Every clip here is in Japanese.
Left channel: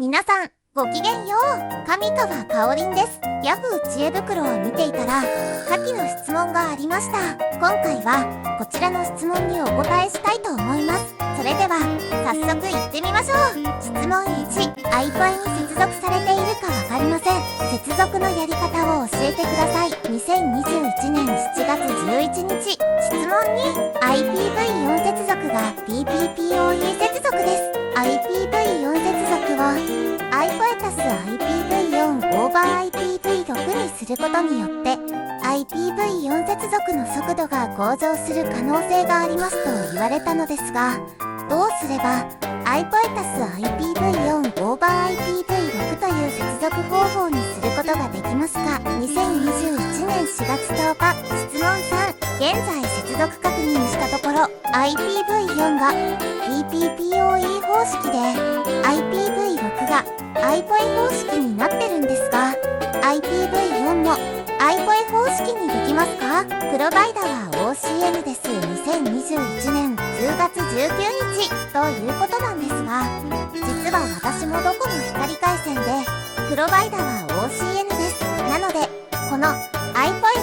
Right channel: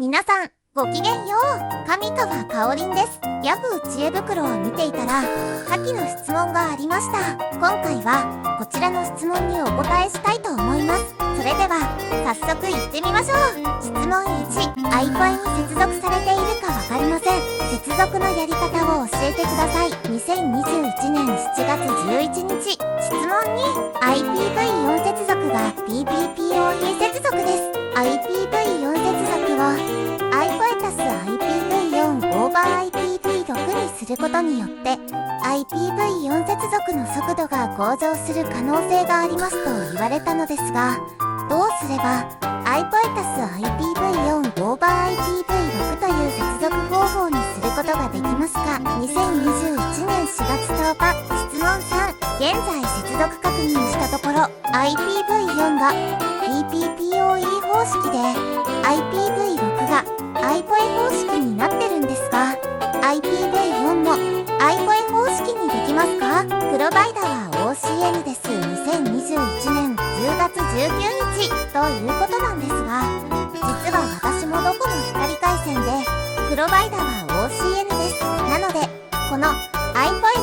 皆さん、ごきげんよう。上川かおりんです。ヤフー知恵袋を見ていたら、下記の質問がありました。今回は、こちらの質問にお答えしたいと思います。それでは、早速行ってみましょう。質問1、iPod に接続されているかわかりません。接続のやり方を教えてください。2021年7月11日。質問2、IPv4 接続が PPPoE 接続です。IPv4 接続を iPod+IPv4 over IPv6 にすることによって、IPv4 接続の速度が向上する可能性がありますと言われたのですが、どうすれば iPod+IPv4 over IPv6 という接続方法にすることができますか。2021年4月10日。質問3、現在接続確認したところ IPv4 が PPPoE 方式で IPv6 が iPoE 方式になってるんですが、IPv4 も iPoE 方式にできますか。プロバイダーは OCN です。2021年10月19日ということなんですが、実は私もドコモ光回線で、プロバイダーは OCN です。なので、この iPoE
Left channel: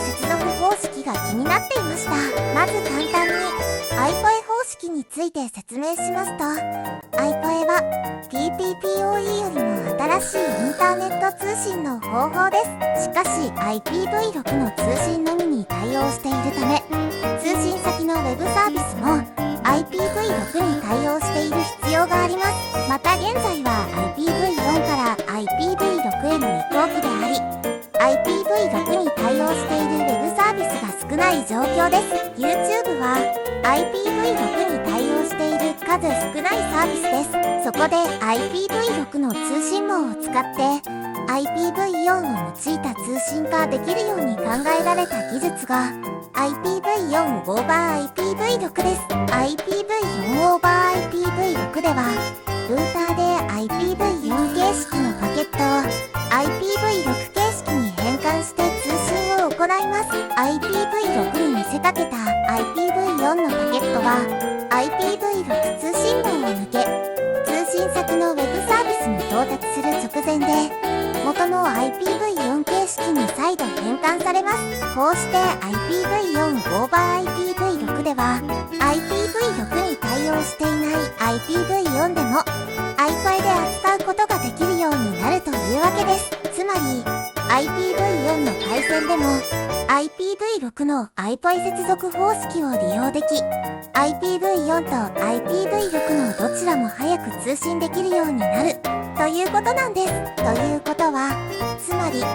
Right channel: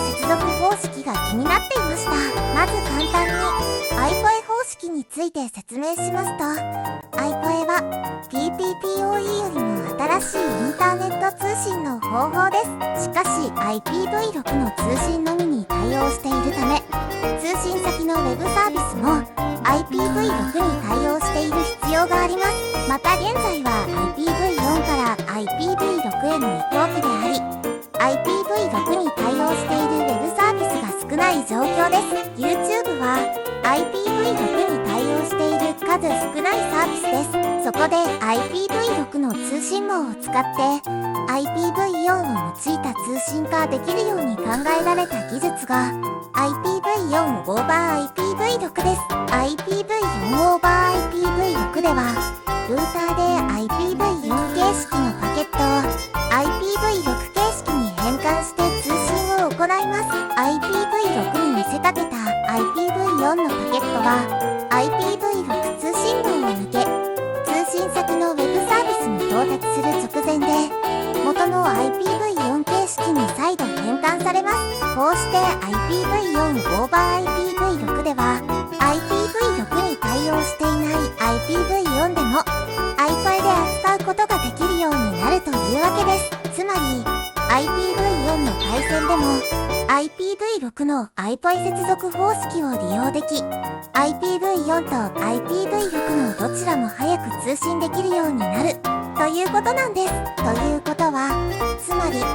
接続方式が気になっていました。まず簡単に iPoE 方式について説明しますと、iPoE は PPPoE よりも新しいインターネット通信の方法です。しかし IPv6 の通信のみに対応しているため、通信先のウェブサービスも IPv6 に対応している必要があります。また現在は IPv4 から IPv6 への移行期であり、IPv6 に対応しているウェブサービスが少ない状況です。YouTube は IPv6 に対応している数少ないサービスです。そこで IPv6 の通信網を使って IPv4 を用いた通信化できるように考えられた技術が IPv4 over IPv6 です。IPv4 over IPv6 ではルーターで IPv4 形式のパケットを IPv6 形式に変換して通信を行います。IPv6 に見せかけた IPv4 のパケットは IPv6 通信網を抜け、通信先のウェブサービスに到達する直前で、元の IPv4 形式に再度変換されます。こうして IPv4 over IPv6 では、IPv6 に対応していない IPv4 でも、iPoE で扱うことができるようになるというわけです。つまり、IPv4 の回線でも、IPv6 の iPoE 接続方式を利用でき、IPv4 と IPv6 のどちらも早く通信できるようになるということなんです。ということは、つまり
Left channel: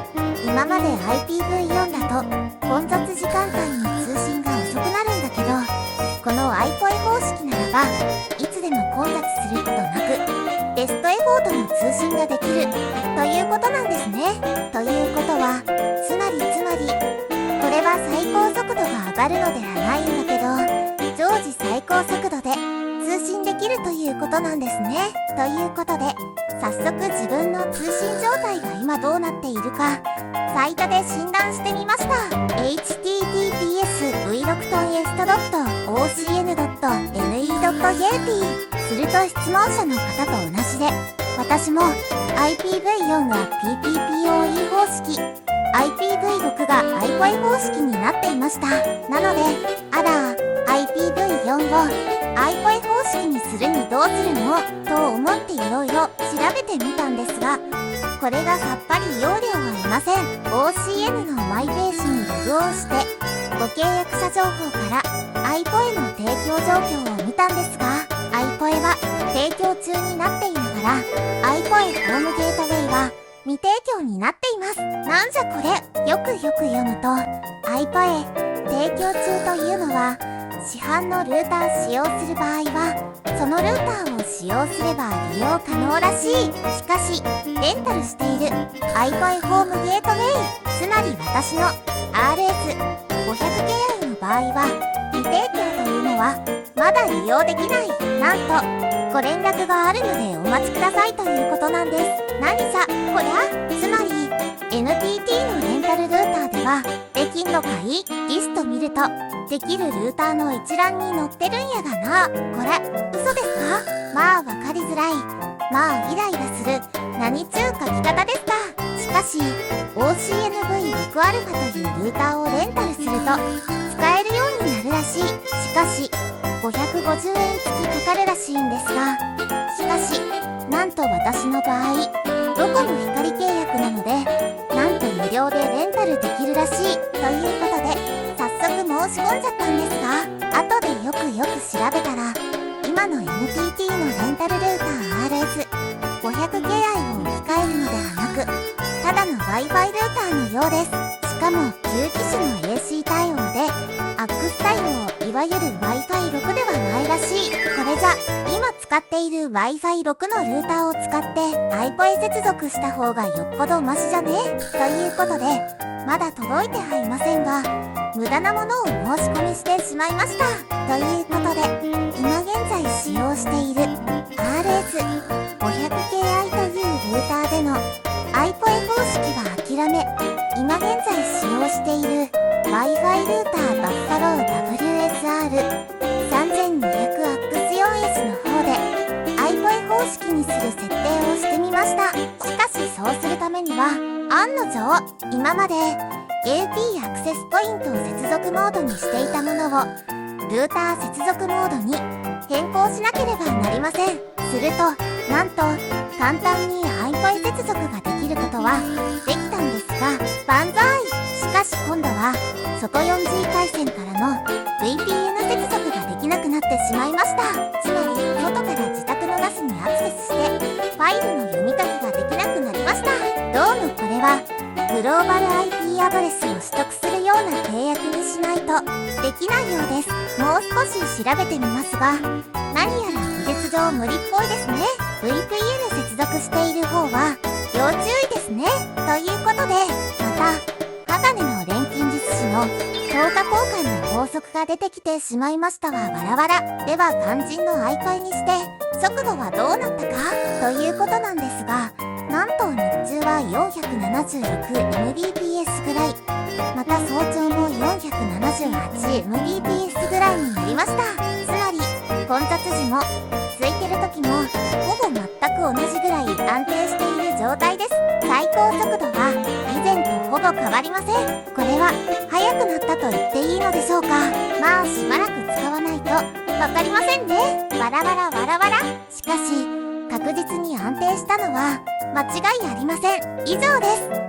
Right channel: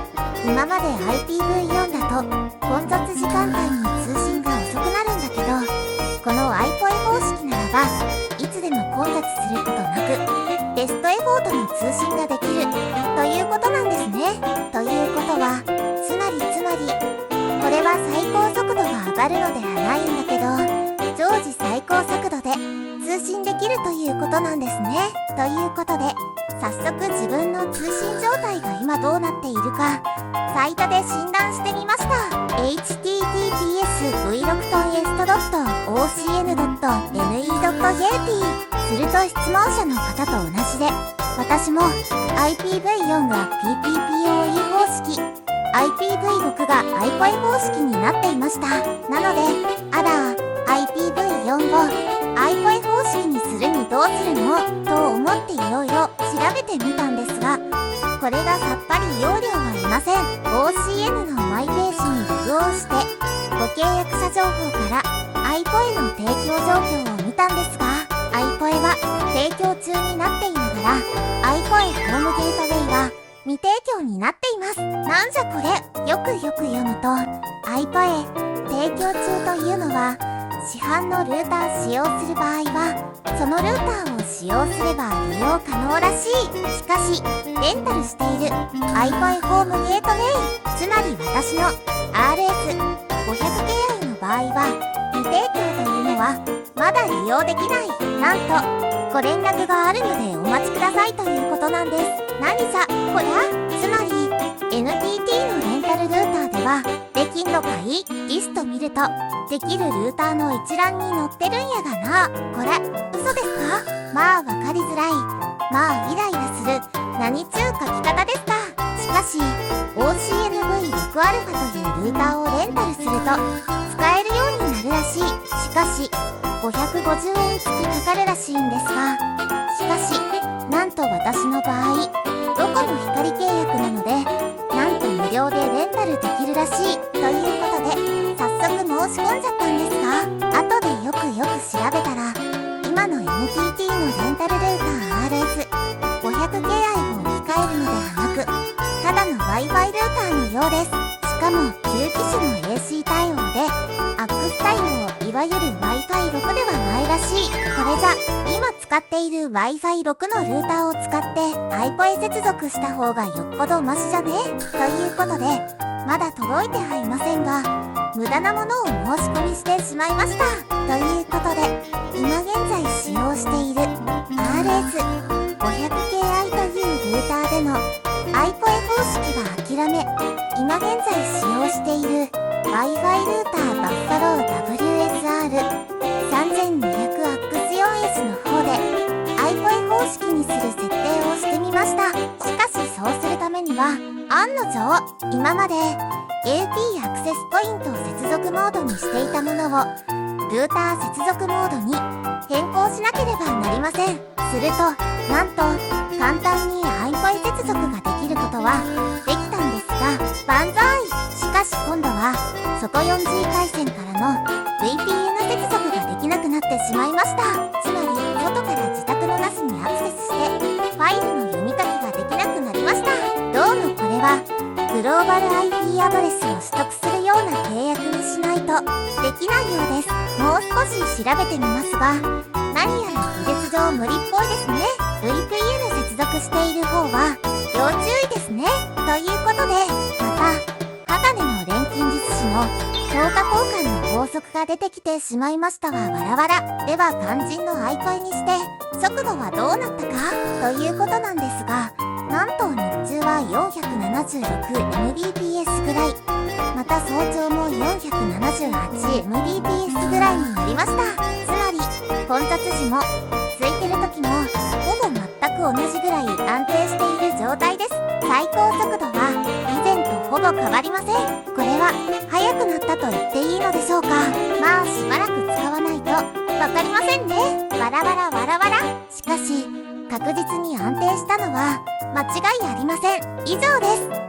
今まで IPv4 だと混雑時間帯に通信が遅くなるんだけど、この iPoE 方式ならばいつでも混雑することなくベストエフォートの通信ができるということなんですね。ということは、つまりこれは最高速度が上がるのではないんだけど、常時最高速度で通信できるということなんですね。ということで、早速自分の通信状態が今どうなっているか、サイトで診断してみました。https://ocn.ne.jp すると質問者の方と同じで、私も IPv4 が PPPoE 方式、IPv6 が iPoE 方式になっていました。なので、IPv4 を iPoE 方式にするにどうするのと思っていろいろ調べてみたんですが、これがさっぱり要領は得ません。OCN のマイページにログオンして、ご契約者情報から iPoE の提供状況を見たんですが、iPoE は提供中になっていながら、iPoE ホームゲートウェイは未提供になっています。なんじゃこれ。よく読むと、iPoE 提供中というのは、市販のルーター使用する場合は、そのルーターを使用すれば利用可能らしい。しかし、レンタルしている iPoE ホームゲートウェイ、つまり私の RS500Ki の場合は、未提供というのは、まだ利用できない。なんと、ご連絡があるのでお待ちくださいということなんです。何さ、こりゃ？つまり、NTT のレンタルルーターでは、できんのかい？リスト見ると、できるルーターの一覧に載ってるんやがな。これ、嘘ですか？まあわかりづらい。まあイライラする。何ちゅう書き方ですか。しかし OCNV6α というルーターをレンタルすると使えるようになるらしい。しかし550円付きかかるらしいんですが、しかしなんと私の場合ドコモ光契約なので、なんと無料でレンタルできるらしいということで早速申し込んじゃったんですが、後でよく調べたら今の NTT のレンタルルーター RS500 系愛を置き換えるのではなく、ただの Wi-Fi ルーターのようです。しかも旧機種の AC 対応で AX 対応、いわゆる Wi-Fi 6ではないらしい。これじゃ今使っている Wi-Fi 6のルーターを使って iPo へ接続した方がよっぽどマシじゃねということで、まだ届いてはいませんが無駄なものを申し込みしてしまいました。ということで今現在使用している RS500Ki というルーターでの iPo 方式は諦め、今現在使用している Wi-Fi ルーターバッファロー WSR3200AX4S の方で iPo 方式にする設定をしてみました。しかしそうするためには案の定今まで AP アクセスポイントを接続モードにしていたものをルーター接続モードに変更しなければなりません。するとなんと簡単に iPo へ接続ができることはできたんですが、万歳。しかし今度は外 4G 回線からの VPN 接続ができなくなってしまいました。つまり外から自宅の NAS にアクセスしてファイルの読み書きができなくなりました。どうもこれはグローバル IP アドレスを取得するような契約にしないとできないようです。もう少し調べてみますが、何やら技術上無理っぽいですね。VPN 接続している方は要注意ですね。ということで、また鋼の錬金術師の等価交換の法則が出てきてしまいましたわ。わらわら。では肝心の iPo にして速度はどうなったかということなんですが、なんと日中は 476Mbps ぐらい、また早朝も 478Mbps ぐらいになりました。つまり混雑時も空いてる時もほぼ全く同じぐらい安定している状態です。最高速度は以前とほぼ変わりません。これは速くなったと言っていいのでしょうか。まあしばらく使わないとわかりませんね。わらわらわらわら。しかし確実に安定したのは間違いありません。以上です。